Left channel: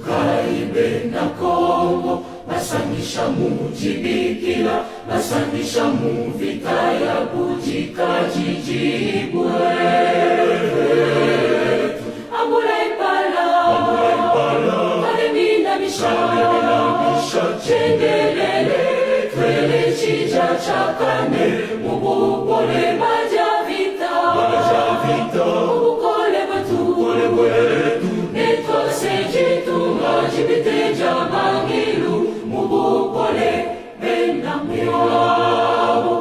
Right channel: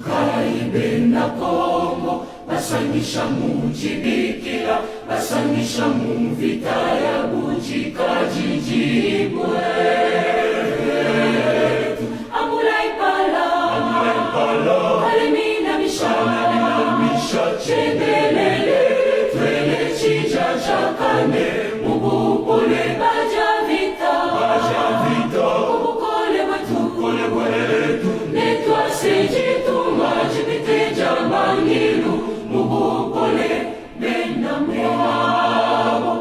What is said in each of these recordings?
tukaibe na Kongo, basangisha mujibikila, basangisha muvita ya bujikajijibwe. Ambula impala, kalimina misha, chendelele, twele chija chakane, mubupole baja vita, mubukole wetu, netwa sejitu majibite jamangilu, mubupole bena mwabo,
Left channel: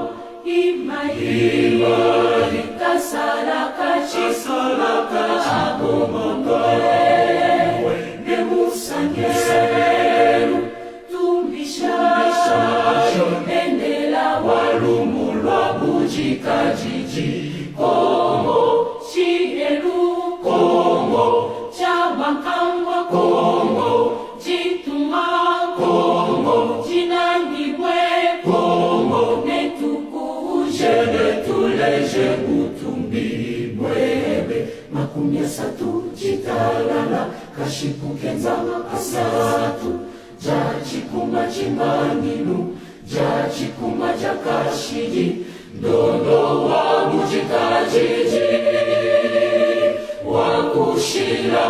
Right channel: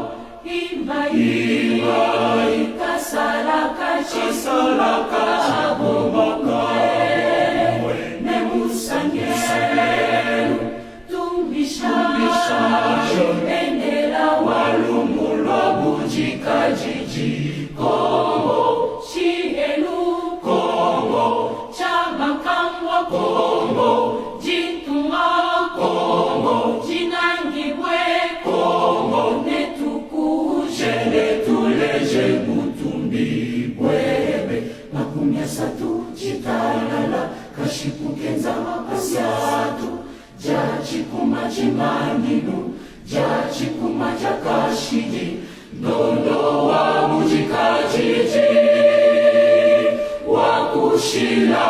imai tasalaka chisalaka abomakae, nemusangeru tumbisha, endela walumulwa bujikajiji, Kongo chielu, Kongo chabankangwa, Kongo jitunga, Kongo jinangibwe, Kongo netukuje netuleje butumbibwebe. Makumi asatu chitalala kashipukenza asatu, jachikuma chimanginu, jachikuma chakashiji, ndondo wa bujikajiji, wakushila